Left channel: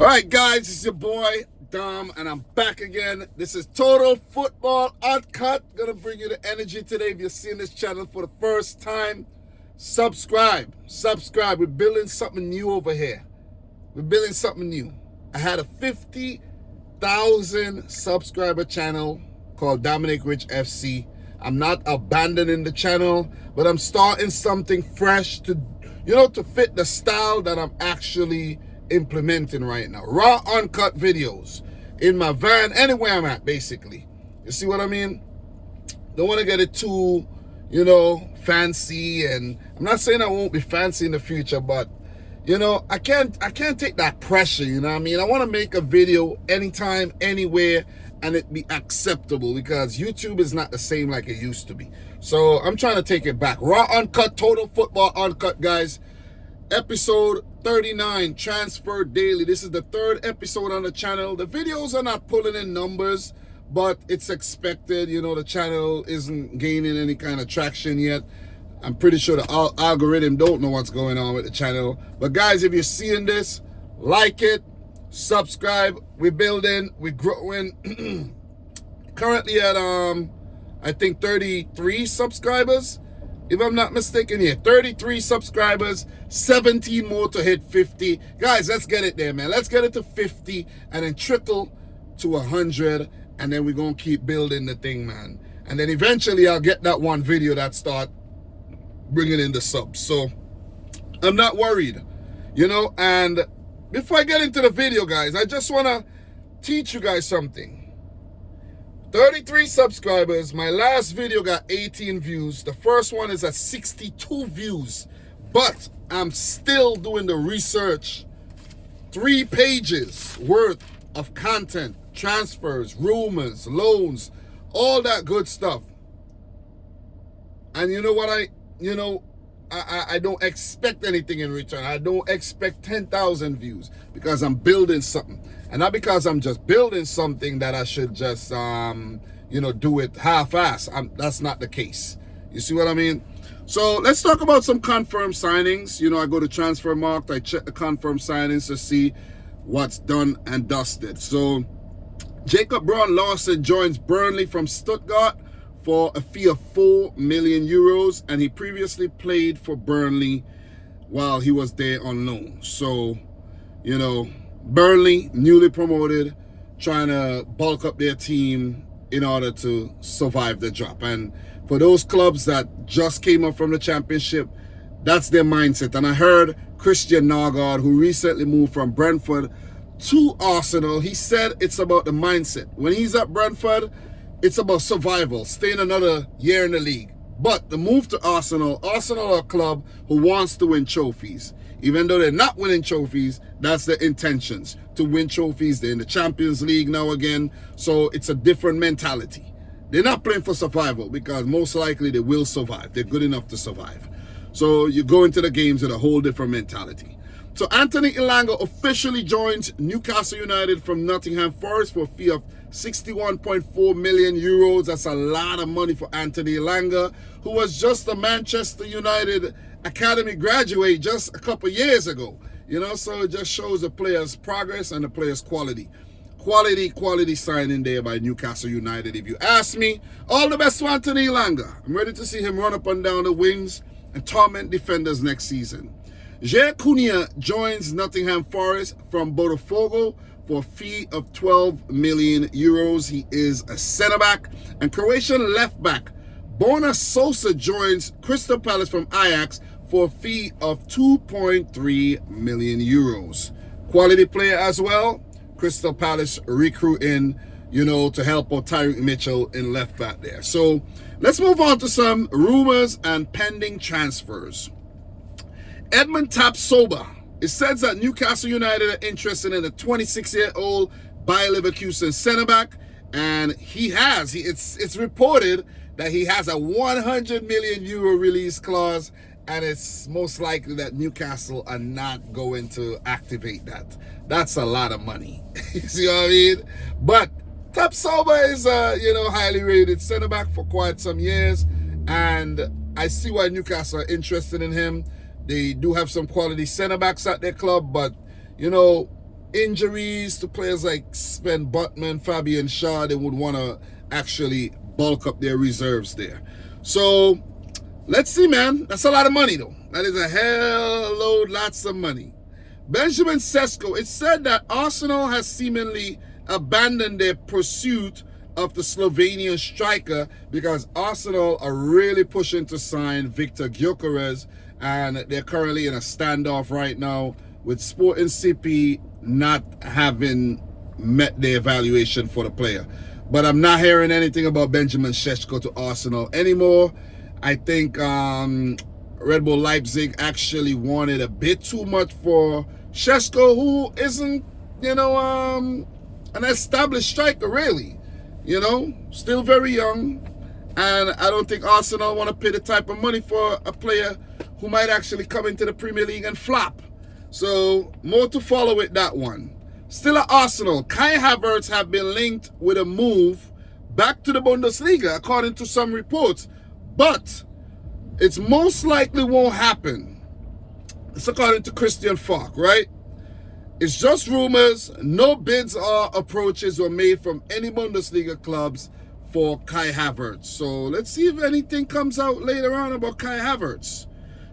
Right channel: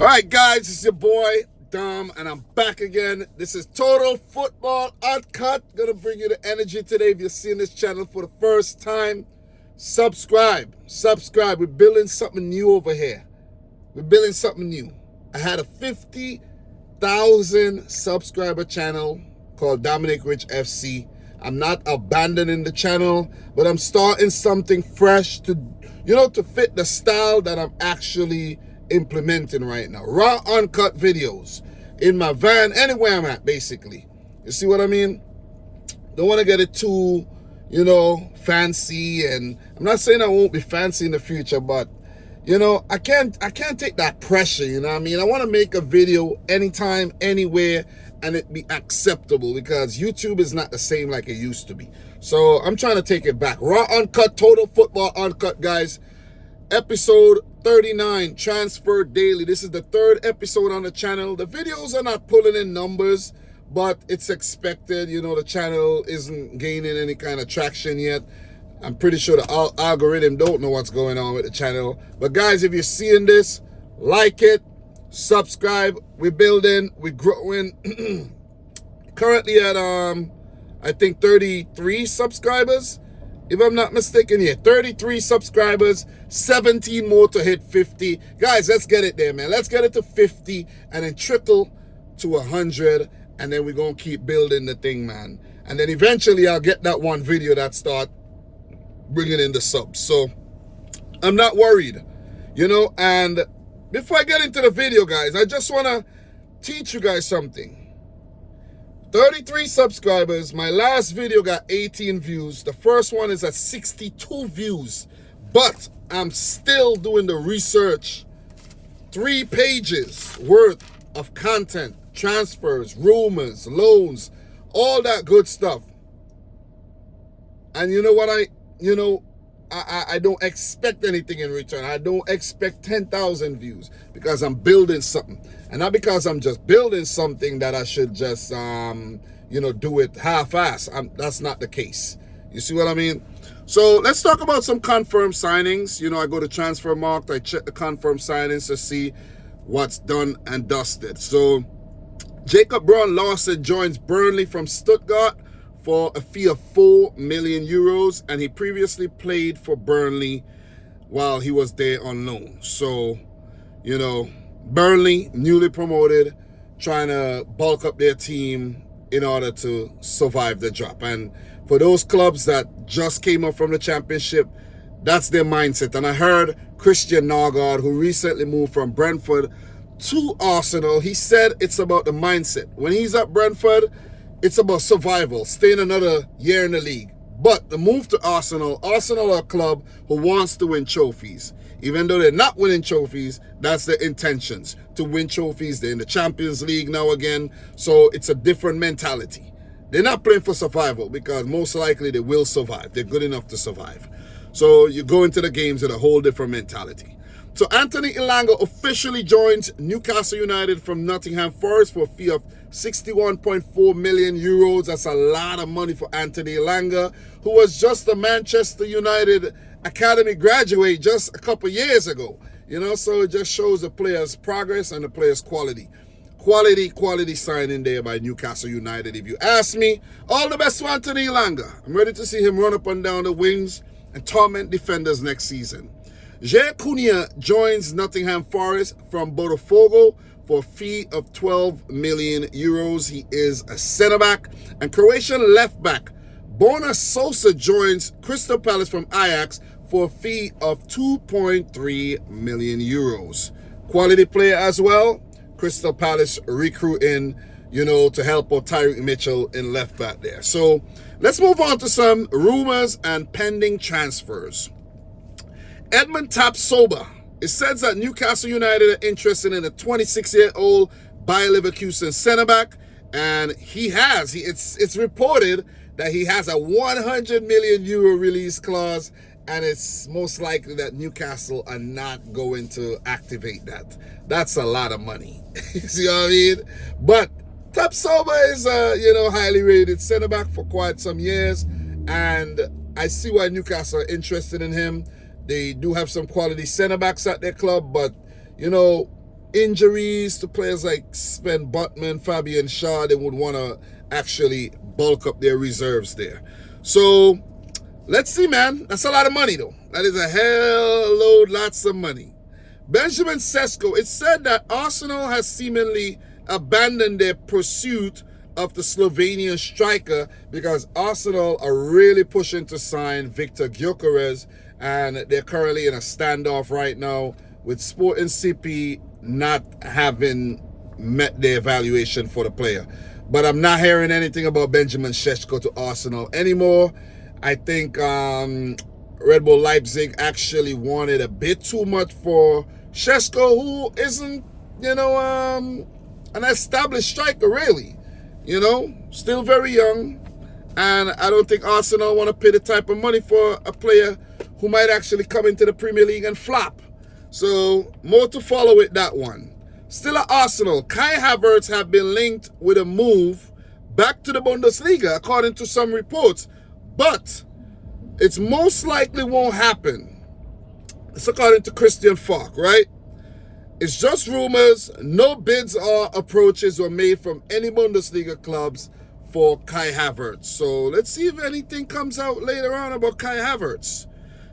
All right, guys, it's your boy Dom, and I'm back again. This is Total Football Uncut. Gonna bring you the energy today. If you're seeing this channel for the first time, subscribe. We're building something new over here. We're building something new. I had a 50,000 subscriber channel called Dominic Rich FC. I'm not abandoning the channel, but I'm starting something fresh to fit the style that I'm actually implementing right now. Raw, uncut videos in my van, anywhere I'm at, basically. You see what I mean? Don't want to get it too, fancy. And I'm not saying I won't be fancy in the future, but I can't take that pressure. You know what I mean? I want to make a video anytime, anywhere, and it be acceptable, because YouTube is not the same like it used to be. So I'm trying to take it back. Raw, uncut, total football uncut, guys. Episode 39, Transfer Daily. This is the third episode on the channel. The videos are not pulling in numbers, but it's expected. The channel isn't gaining any kind of traction yet. I'm pretty sure the algorithm don't know what's going on with the channel. But guys, if you're seeing this, like it, subscribe. We're building, we're growing. Currently at I think 33 subscribers, if I'm not mistaken. Yeah, 33 subscribers, 17 more to hit 50. Guys, let's get it there, man. Let's get it to 50 and then trickle to 100, and then we're gonna keep building the thing, man. And then eventually I'll get that one video that start bringing in the subs. So I'm not worried, and before I get into the video, guys, I just want to teach you guys something. 33 subscribers. My last video got 18 views. The first one is at 62 views. But I'm still doing the research. 3 pages worth of content. Transfers, rumors, loans, all that good stuff. And you know what? I don't expect anything in return. I don't expect 10,000 views, because I'm building something. And not because I'm just building something that I should just, do it half-ass. That's not the case. You see what I mean? So let's talk about some confirmed signings. I go to Transfermarkt. I check the confirmed signings to see what's done and dusted. So Jacob Braun-Larsen joins Burnley from Stuttgart for a fee of 4 million euros. And he previously played for Burnley while he was there on loan. So, Burnley, newly promoted, trying to bulk up their team in order to survive the drop. And for those clubs that just came up from the championship, that's their mindset. And I heard Christian Nørgaard, who recently moved from Brentford to Arsenal, he said it's about the mindset. When he's at Brentford, it's about survival, staying another year in the league. But the move to Arsenal are a club who wants to win trophies. Even though they're not winning trophies, that's their intentions, to win trophies. They're in the Champions League now again, so it's a different mentality. They're not playing for survival, because most likely they will survive. They're good enough to survive. So you go into the games with a whole different mentality. So Anthony Elanga officially joins Newcastle United from Nottingham Forest for a fee of 61.4 million euros. That's a lot of money for Anthony Elanga, who was just a Manchester United Academy graduate just a couple years ago. So it just shows the player's progress and the player's quality. Quality signing there by Newcastle United, if you ask me. All the best to Anthony Elanga. I'm ready to see him run up and down the wings and torment defenders next season. Jair Cunha joins Nottingham Forest from Botafogo for a fee of 12 million euros. He is a centre-back. And Croatian left-back Borna Sosa joins Crystal Palace from Ajax for a fee of 2.3 million euros. Quality player as well. Crystal Palace recruiting, to help out Tyreek Mitchell in left back there. So let's move on to some rumors and pending transfers. Edmund Tapsoba. It says that Newcastle United are interested in a 26-year-old Bayer Leverkusen centre-back, and it's reported that he has a 100 million euro release clause, and it's most likely that Newcastle are not going to activate that. That's a lot of money. You see what I mean? But Tapsoba is a highly rated centre-back for quite some years, and I see why Newcastle are interested in him. They do have some quality centre-backs at their club, but injuries to players like Sven Botman, Fabian Shaw, they would want to actually bulk up their reserves there. So let's see, man. That's a lot of money, though. That is a hell load, lots of money. Benjamin Sesko, it's said that Arsenal has seemingly abandoned their pursuit of the Slovenian striker because Arsenal are really pushing to sign Victor Gyökeres, and they're currently in a standoff right now with Sporting CP not having met their evaluation for the player. But I'm not hearing anything about Benjamin Sesko to Arsenal anymore. I think Red Bull Leipzig actually wanted a bit too much for Sesko, who isn't, an established striker, really. Still very young. And I don't think Arsenal want to pay the type of money for a player who might actually come into the Premier League and flop. So, more to follow with that one. Still at Arsenal, Kai Havertz have been linked with a move back to the Bundesliga, according to some reports. But it's most likely won't happen. It's according to Christian Falk, right? It's just rumors. No bids or approaches were made from any Bundesliga clubs for Kai Havertz. So let's see if anything comes out later on about Kai Havertz.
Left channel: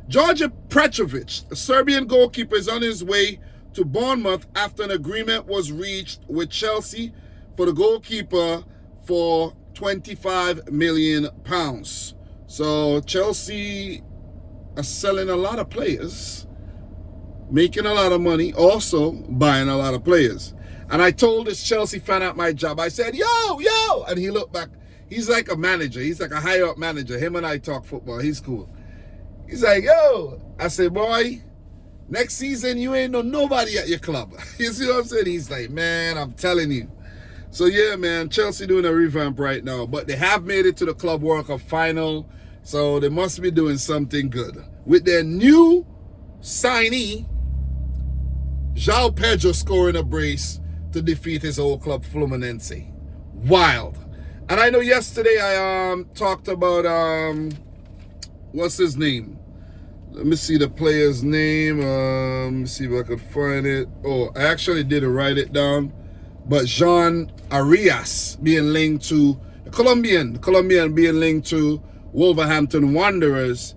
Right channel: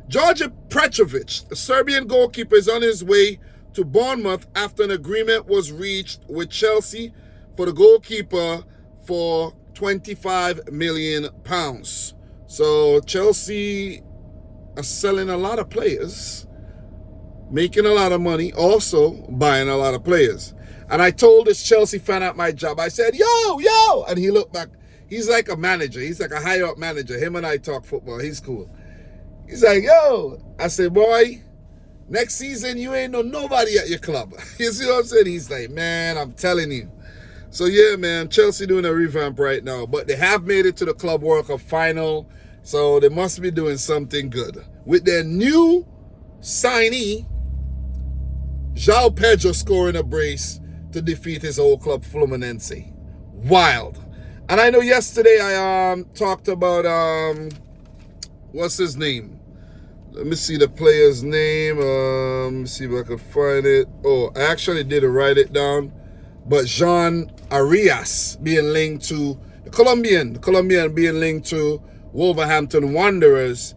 George Petrovic, the Serbian goalkeeper, is on his way to Bournemouth after an agreement was reached with Chelsea for the goalkeeper for £25 million. So Chelsea are selling a lot of players, making a lot of money, also buying a lot of players. And I told this Chelsea fan at my job, I said, yo, and he looked back. He's like a manager. He's like a higher up manager. Him and I talk football. He's cool. He's like, yo. I said, boy, next season you ain't nobody at your club. You see what I'm saying? He's like, man, I'm telling you. So yeah, man, Chelsea doing a revamp right now. But they have made it to the Club World Cup final. So they must be doing something good. With their new signee, João Pedro scoring a brace to defeat his old club Fluminense. Wild. And I know yesterday I talked about, what's his name? Let me see the player's name. Let me see if I can find it. Oh, I actually didn't write it down. But Jean Arias being linked to the Colombian being linked to Wolverhampton Wanderers.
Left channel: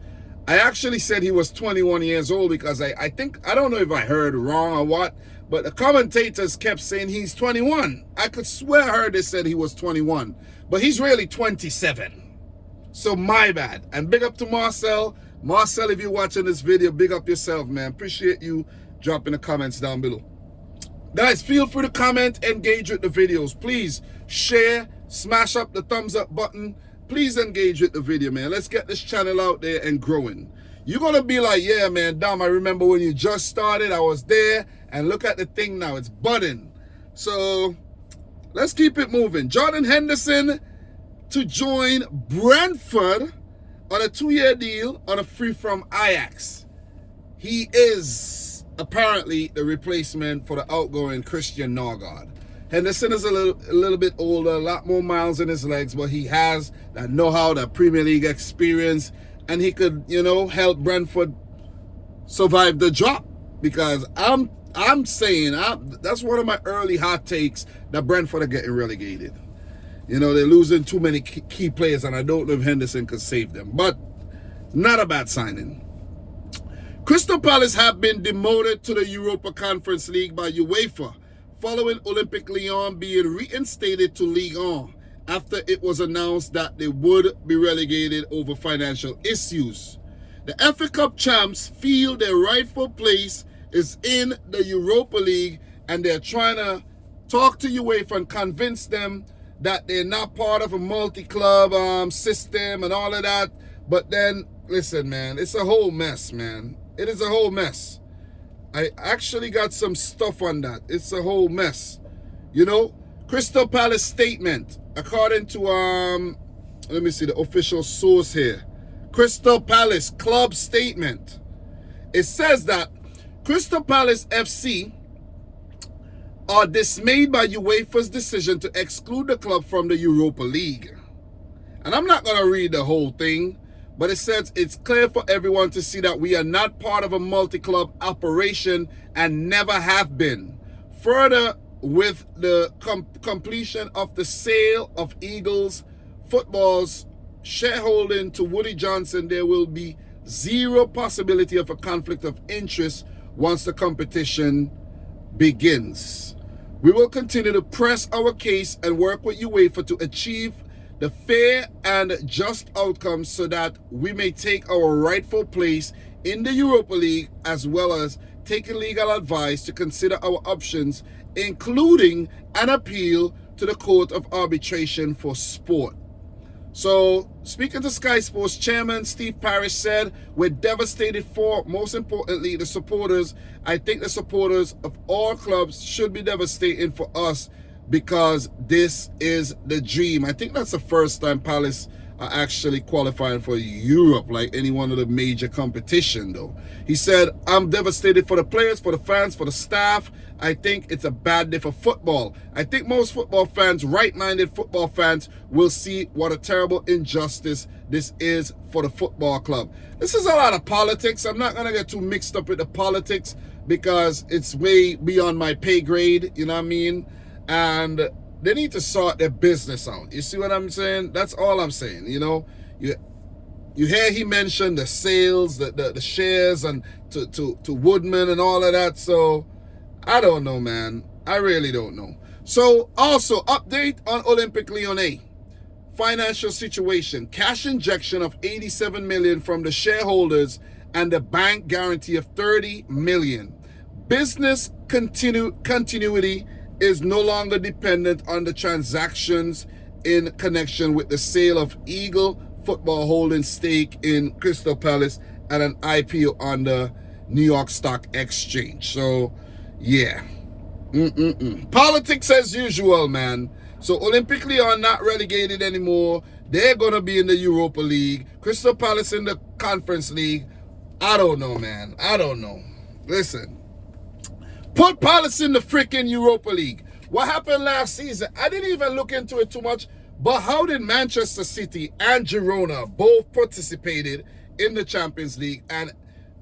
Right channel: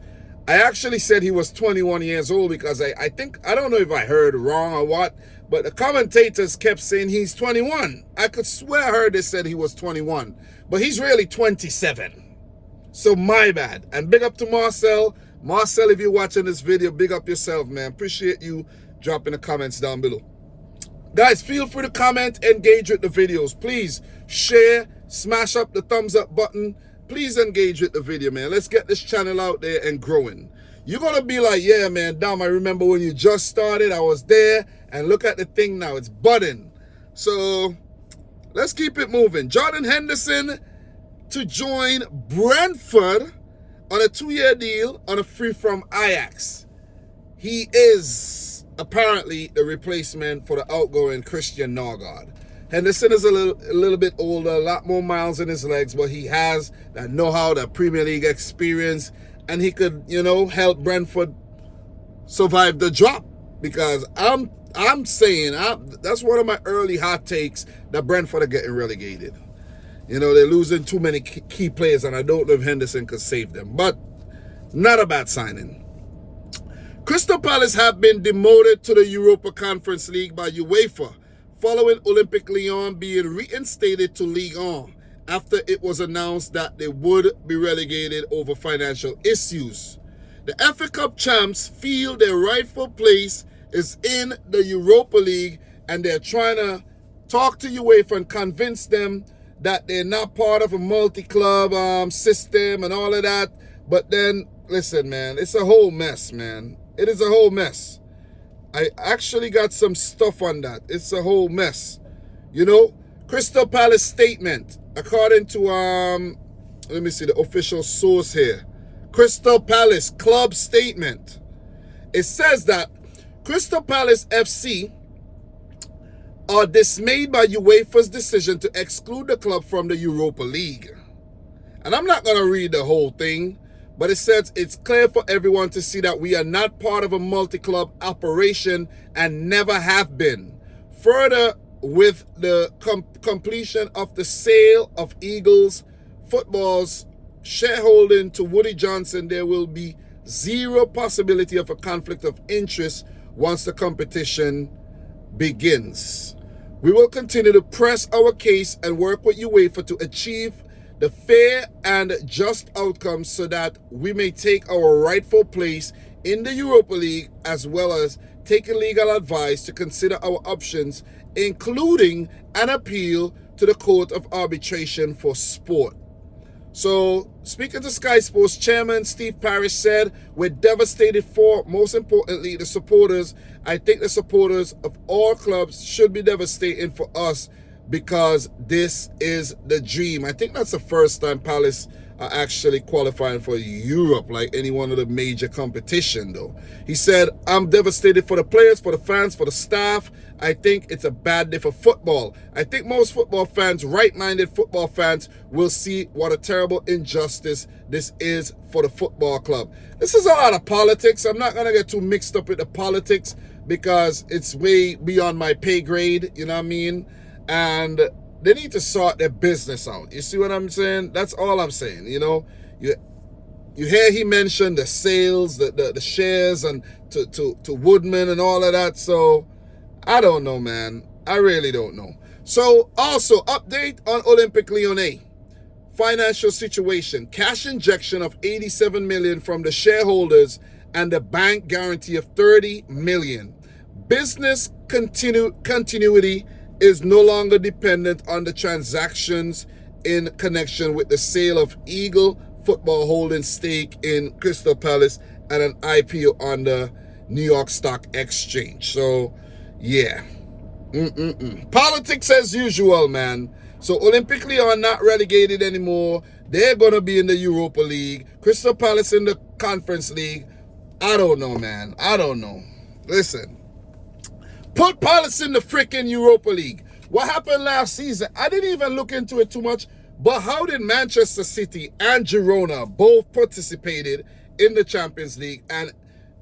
I actually said he was 21 years old because I think, I don't know if I heard wrong or what, but the commentators kept saying he's 21. I could swear I heard they said he was 21, but he's really 27. So my bad. And big up to Marcel. Marcel, if you're watching this video, big up yourself, man. Appreciate you dropping the comments down below. Guys, feel free to comment, engage with the videos. Please share, smash up the thumbs up button. Please engage with the video, man. Let's get this channel out there and growing. You're going to be like, yeah, man, Dom, I remember when you just started. I was there. And look at the thing now. It's budding. So let's keep it moving. Jordan Henderson to join Brentford on a 2-year deal on a free from Ajax. He is apparently the replacement for the outgoing Christian Norgard. Henderson is a little bit older, a lot more miles in his legs, but he has that know-how, that Premier League experience, and he could, help Brentford survive the drop. Because I'm saying, that's one of my early hot takes, that Brentford are getting relegated. They're losing too many key players, and I don't know if Henderson could save them. But not a bad signing. Crystal Palace have been demoted to the Europa Conference League by UEFA, following Olympique Lyon being reinstated to Ligue 1 after it was announced that they would be relegated over financial issues. The FA Cup champs feel their rightful place is in the Europa League, and they're trying to talk to UEFA and convince them that they're not part of a multi-club system and all of that. But then, listen, man, it's a whole mess, man. It is a whole mess. I actually got some stuff on that. It's a whole mess. Crystal Palace statement, according to, let me see the official source here. Crystal Palace club statement. It says that Crystal Palace FC are dismayed by UEFA's decision to exclude the club from the Europa League. And I'm not going to read the whole thing, but it says it's clear for everyone to see that we are not part of a multi-club operation and never have been. Further, with the completion of the sale of Eagles Football's shareholding to Woody Johnson, there will be zero possibility of a conflict of interest once the competition begins. We will continue to press our case and work with UEFA to achieve the fair and just outcomes so that we may take our rightful place in the Europa League, as well as taking legal advice to consider our options, including an appeal to the Court of Arbitration for Sport. So, speaking to Sky Sports, Chairman Steve Parish said, we're devastated for, most importantly, the supporters. I think the supporters of all clubs should be devastating for us because this is the dream. I think that's the first time Palace are actually qualifying for Europe, like any one of the major competition, though. He said, I'm devastated for the players, for the fans, for the staff. I think it's a bad day for football. I think most football fans, right-minded football fans, will see what a terrible injustice this is for the football club. This is a lot of politics. I'm not going to get too mixed up with the politics because it's way beyond my pay grade, you know what I mean? And they need to sort their business out. You see what I'm saying? That's all I'm saying, you know? You hear he mentioned the sales, the shares, and to Woodman and all of that, so I don't know, man. I really don't know. So, also, update on Olympique Lyonnais. Financial situation. Cash injection of $87 million from the shareholders and the bank guarantee of $30 million. Business continuity is no longer dependent on the transactions in connection with the sale of Eagle Football holding stake in Crystal Palace and an IPO on the New York Stock Exchange. So, yeah. Politics as usual, man. So Olympique Lyon not relegated anymore. They're going to be in the Europa League. Crystal Palace in the Conference League. I don't know, man. I don't know. Listen. Put Palace in the freaking Europa League. What happened last season? I didn't even look into it too much. But how did Manchester City and Girona both participated in the Champions League? And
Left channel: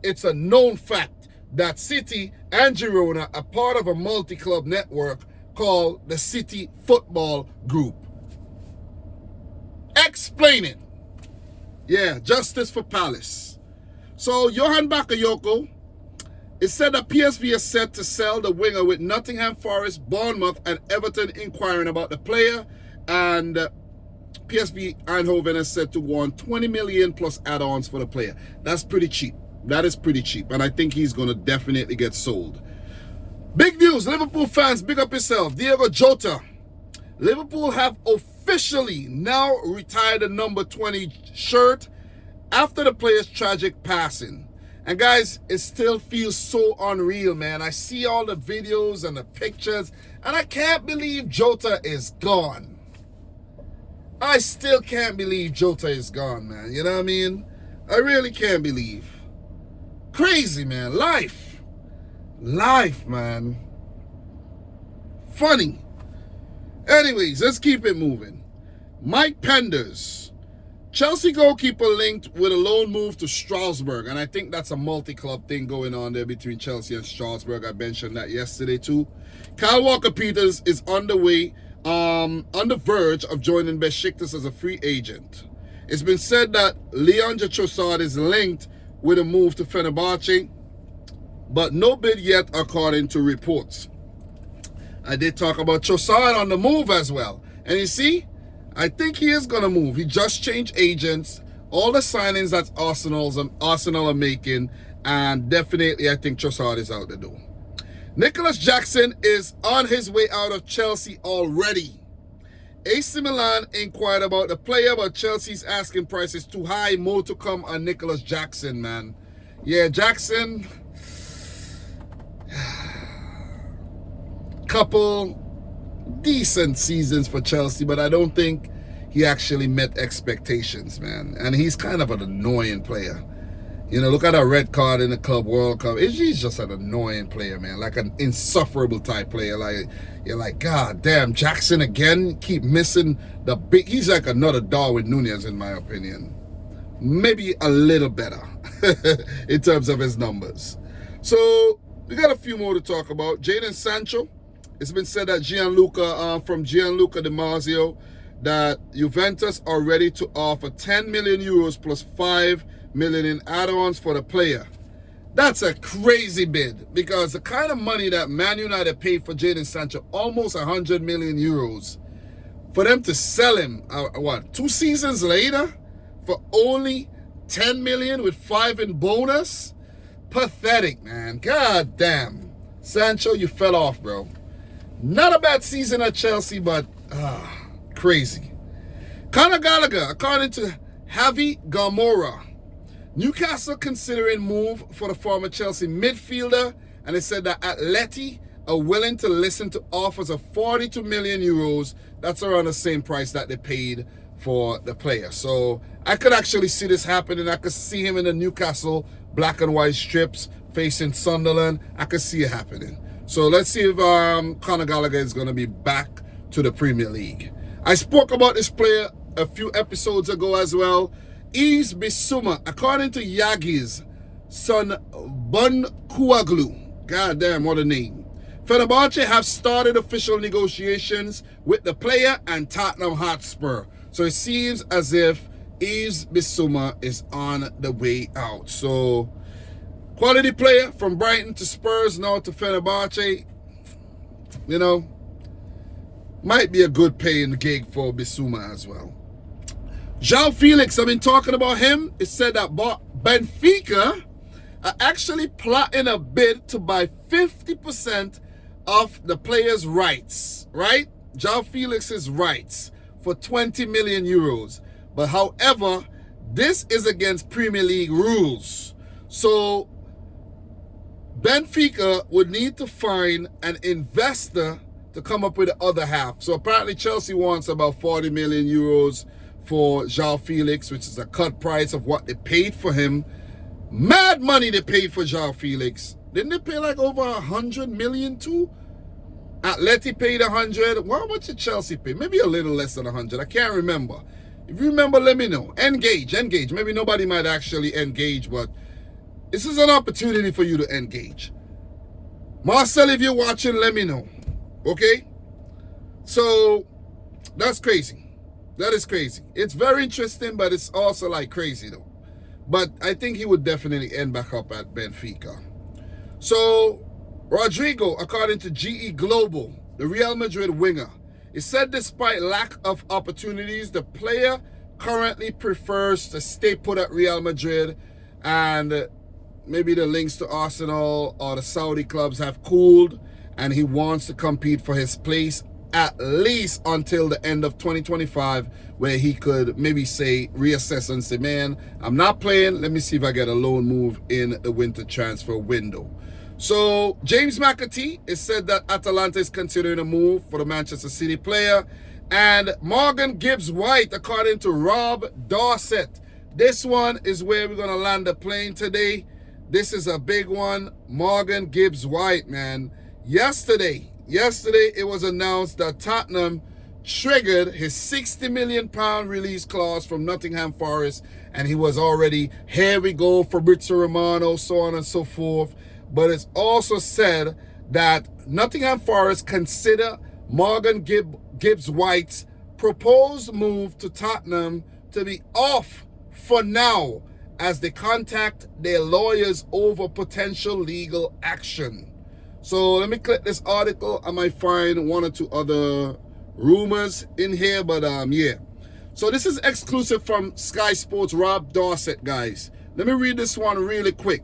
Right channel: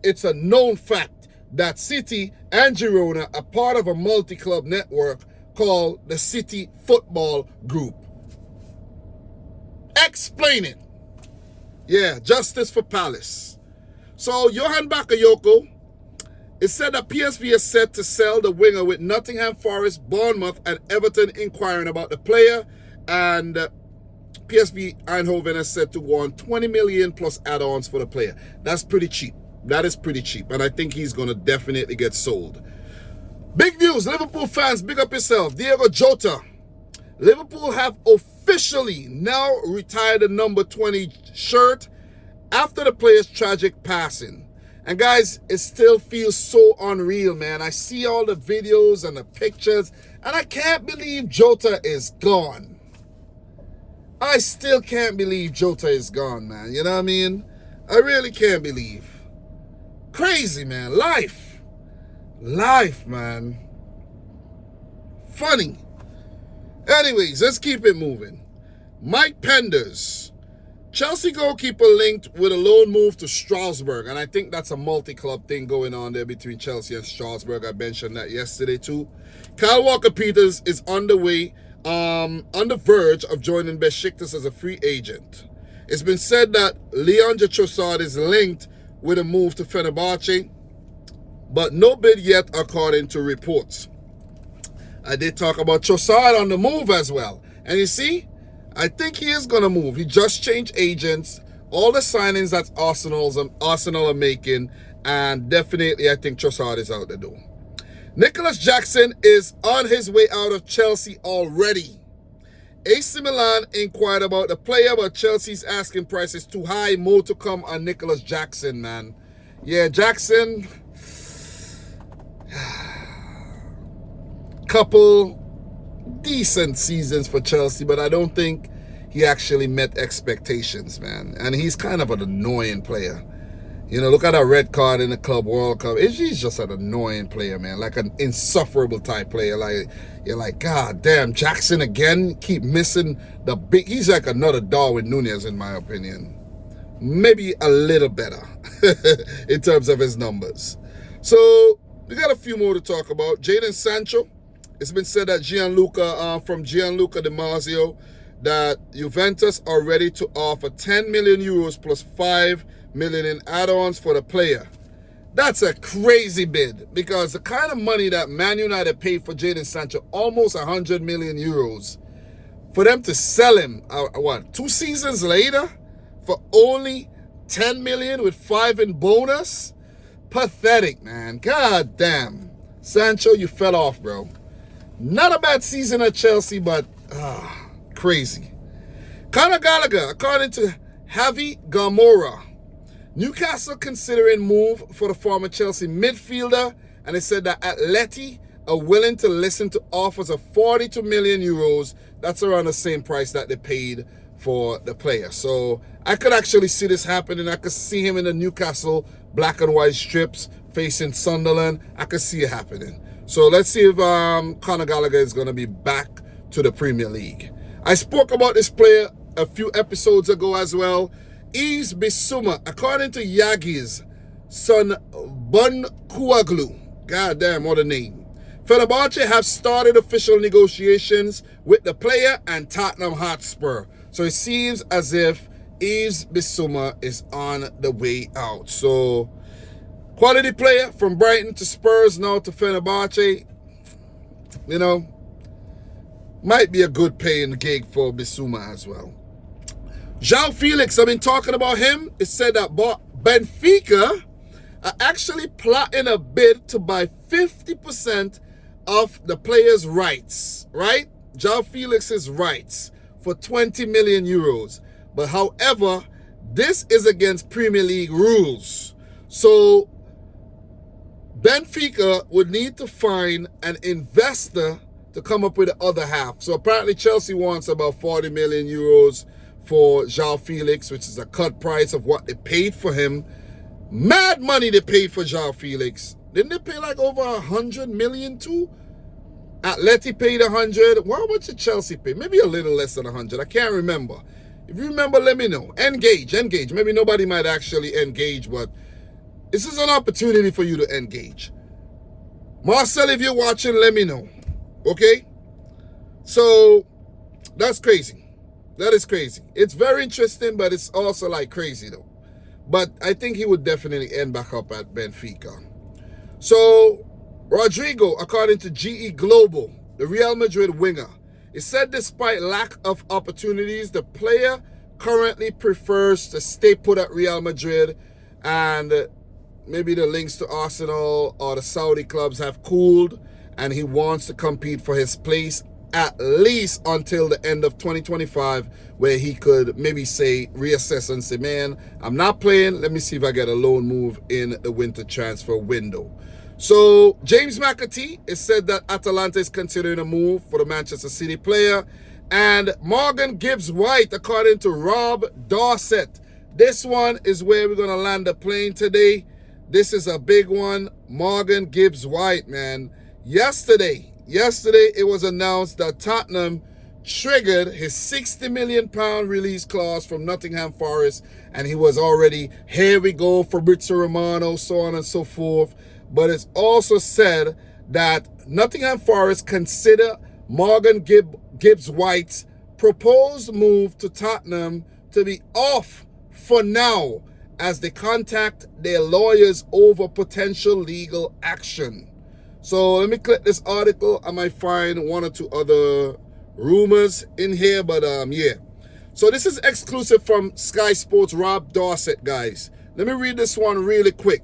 it's a known fact that City and Girona are part of a multi-club network called the City Football Group. Explain it. Yeah, justice for Palace. So, Johan Bakayoko, it said that PSV is set to sell the winger with Nottingham Forest, Bournemouth, and Everton inquiring about the player. And PSV Eindhoven is set to want 20 million plus add-ons for the player. That's pretty cheap. That is pretty cheap. And I think he's going to definitely get sold. Big news, Liverpool fans, big up yourself. Diogo Jota. Liverpool have officially now retired the number 20 shirt after the player's tragic passing. And guys, it still feels so unreal, man. I see all the videos and the pictures, and I can't believe Jota is gone. I still can't believe Jota is gone, man. You know what I mean? I really can't believe. Crazy, man. Life, man. Funny. Anyways, let's keep it moving. Mike Penders. Chelsea goalkeeper linked with a loan move to Strasbourg. And I think that's a multi-club thing going on there between Chelsea and Strasbourg. I mentioned that yesterday too. Kyle Walker-Peters is on the verge of joining Besiktas as a free agent. It's been said that Leandro Trossard is linked with a move to Fenerbahce, but no bid yet according to reports. I did talk about Trossard on the move as well. And you see, I think he is going to move. He just changed agents. All the signings that Arsenal are making, and definitely I think Trossard is out the door. Nicholas Jackson is on his way out of Chelsea already. AC Milan inquired about the player, but Chelsea's asking price is too high. More to come on Nicholas Jackson, man. Yeah, Jackson. Couple decent seasons for Chelsea, but I don't think he actually met expectations, man. And he's kind of an annoying player. You know, look at that red card in the Club World Cup. He's just an annoying player, man. Like an insufferable type player. Like, you're like, God damn, Jackson again? Keep missing the big... He's like another Darwin Núñez, in my opinion. Maybe a little better in terms of his numbers. So, we got a few more to talk about. Jadon Sancho. It's been said that from Gianluca Di Marzio, that Juventus are ready to offer 10 million euros plus 5 million in add-ons for the player. That's a crazy bid, because the kind of money that Man United paid for Jadon Sancho, almost 100 million euros, for them to sell him, 2 seasons later, for only 10 million with 5 in bonus? Pathetic, man. God damn. Sancho, you fell off, bro. Not a bad season at Chelsea, but crazy. Conor Gallagher, according to Javi Gamora, Newcastle considering move for the former Chelsea midfielder, and they said that Atleti are willing to listen to offers of 42 million euros. That's around the same price that they paid for the player. So I could actually see this happening. I could see him in the Newcastle black and white strips facing Sunderland. I could see it happening. So let's see if Conor Gallagher is going to be back to the Premier League. I spoke about this player a few episodes ago as well. Yves Bissouma, according to Yagi's son Bunkuaglu. God damn, what a name. Fenerbahce have started official negotiations with the player and Tottenham Hotspur. So it seems as if Yves Bissouma is on the way out. So quality player from Brighton to Spurs, now to Fenerbahce. You know, might be a good paying gig for Bissouma as well. João Felix, I've been talking about him. It said that Benfica are actually plotting a bid to buy 50% of the player's rights, right? João Felix's rights for 20 million euros. But however, this is against Premier League rules. So Benfica would need to find an investor to come up with the other half. So apparently Chelsea wants about 40 million euros for João Felix, which is a cut price of what they paid for him. Mad money they paid for João Felix. Didn't they pay like over 100 million too? Atleti paid 100. How much did Chelsea pay? Maybe a little less than 100. I can't remember. If you remember, let me know. Engage. Maybe nobody might actually engage, but this is an opportunity for you to engage. Marcel, if you're watching, let me know. Okay? So, that's crazy. That is crazy. It's very interesting, but it's also like crazy though. But I think he would definitely end back up at Benfica. So, Rodrigo, according to GE Global, the Real Madrid winger, it said despite lack of opportunities, the player currently prefers to stay put at Real Madrid, and maybe the links to Arsenal or the Saudi clubs have cooled, and he wants to compete for his place at least until the end of 2025, where he could maybe say, reassess and say, man, I'm not playing. Let me see if I get a loan move in the winter transfer window. So James McAtee, it said that Atalanta is considering a move for the Manchester City player. And Morgan Gibbs-White, according to Rob Dorset, this one is where we're going to land the plane today. This is a big one. Morgan Gibbs-White, man. Yesterday it was announced that Tottenham triggered his £60 million release clause from Nottingham Forest, and he was already, here we go, Fabrizio Romano, so on and so forth. But it's also said that Nottingham Forest consider Morgan Gibbs-White's proposed move to Tottenham to be off for now, as they contact their lawyers over potential legal action. So let me click this article. I might find one or two other rumors in here, but yeah. So this is exclusive from Sky Sports, Rob Dorset, guys. Let me read this one really quick.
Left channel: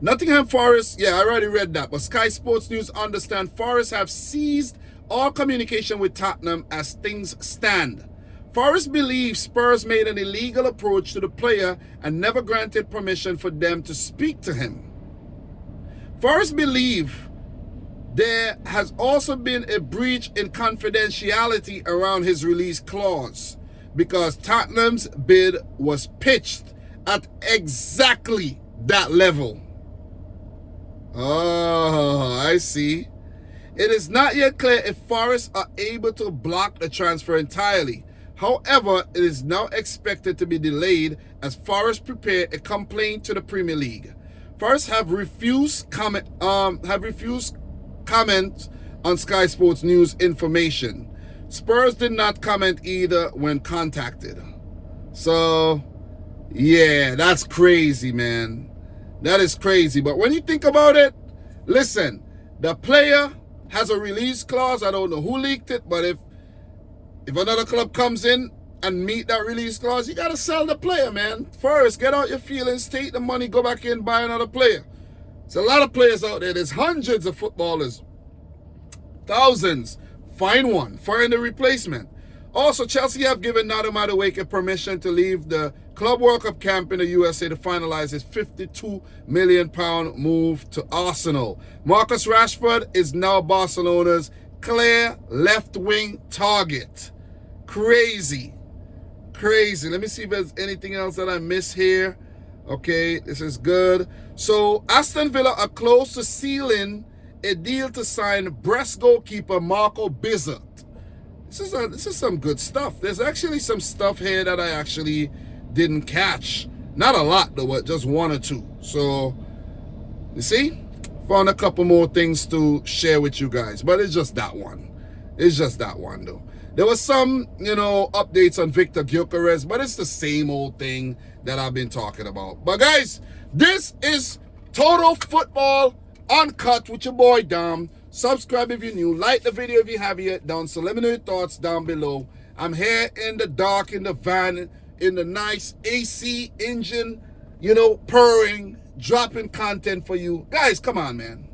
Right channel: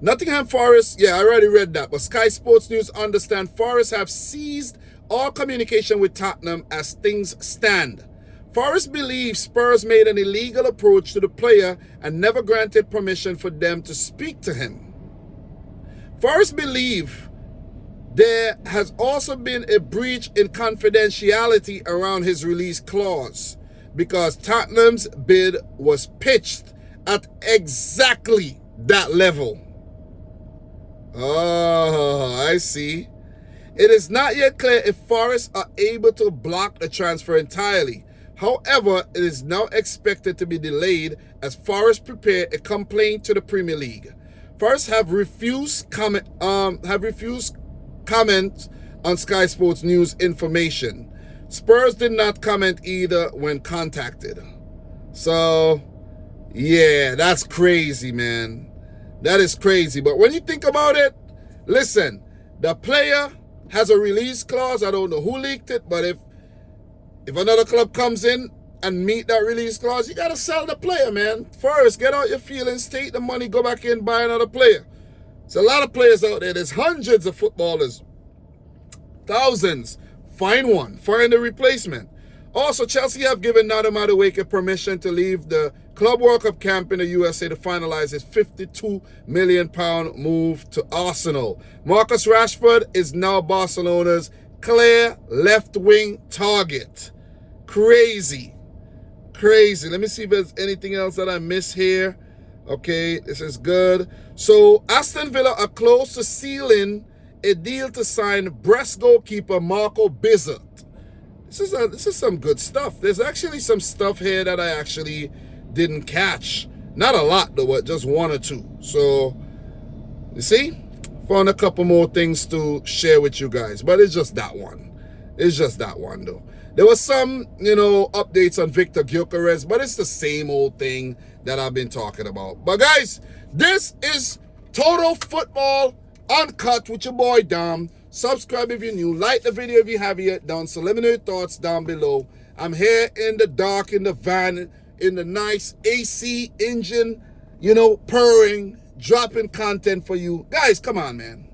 Nottingham Forest, yeah, I already read that, but Sky Sports News understand Forest have seized all communication with Tottenham as things stand. Forest believes Spurs made an illegal approach to the player and never granted permission for them to speak to him. Forest believe there has also been a breach in confidentiality around his release clause, because Tottenham's bid was pitched at exactly that level. Oh, I see. It is not yet clear if Forest are able to block the transfer entirely. However, it is now expected to be delayed as Forest prepare a complaint to the Premier League. Forest have refused comment on Sky Sports News information. Spurs did not comment either when contacted. So, yeah, that's crazy, man. That is crazy. But when you think about it, listen, the player has a release clause. I don't know who leaked it, but if another club comes in and meet that release clause, you got to sell the player, man. First, get out your feelings, take the money, go back in, buy another player. There's a lot of players out there. There's hundreds of footballers. Thousands. Find one. Find a replacement. Also, Chelsea have given Nader Madueke permission to leave the Club World Cup camp in the USA to finalize his £52 million move to Arsenal. Marcus Rashford is now Barcelona's clear left-wing target. Crazy. Crazy. Let me see if there's anything else that I missed here. Okay, this is good. So, Aston Villa are close to sealing a deal to sign Brest goalkeeper Marco Bizzard. This is some good stuff. There's actually some stuff here that I actually didn't catch. Not a lot though, but just one or two. So, you see? Found a couple more things to share with you guys. But it's just that one. It's just that one though. There was some, updates on Victor Gyökeres, but it's the same old thing that I've been talking about. But guys, this is Total Football Uncut with your boy Dom. Subscribe if you're new. Like the video if you haven't yet done. So let me know your thoughts down below. I'm here in the dark, in the van, in the nice AC engine, purring, dropping content for you. Guys, come on, man.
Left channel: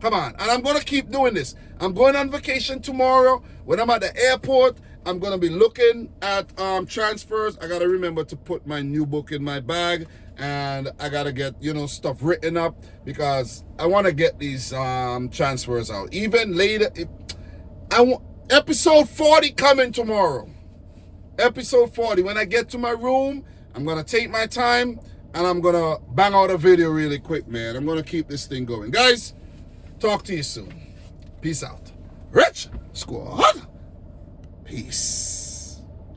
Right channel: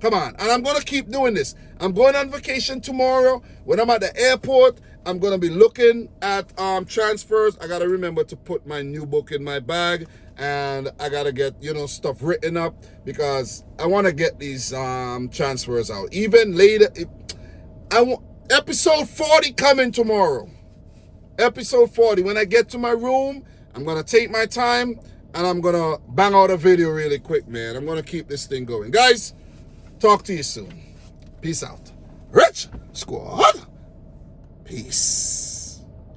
Come on. And I'm going to keep doing this. I'm going on vacation tomorrow. When I'm at the airport, I'm going to be looking at transfers. I got to remember to put my new book in my bag. And I got to get, stuff written up because I want to get these transfers out. Even later, I want episode 40 coming tomorrow. Episode 40. When I get to my room, I'm going to take my time and I'm going to bang out a video really quick, man. I'm going to keep this thing going. Guys, talk to you soon. Peace out. Rich Squad. Peace.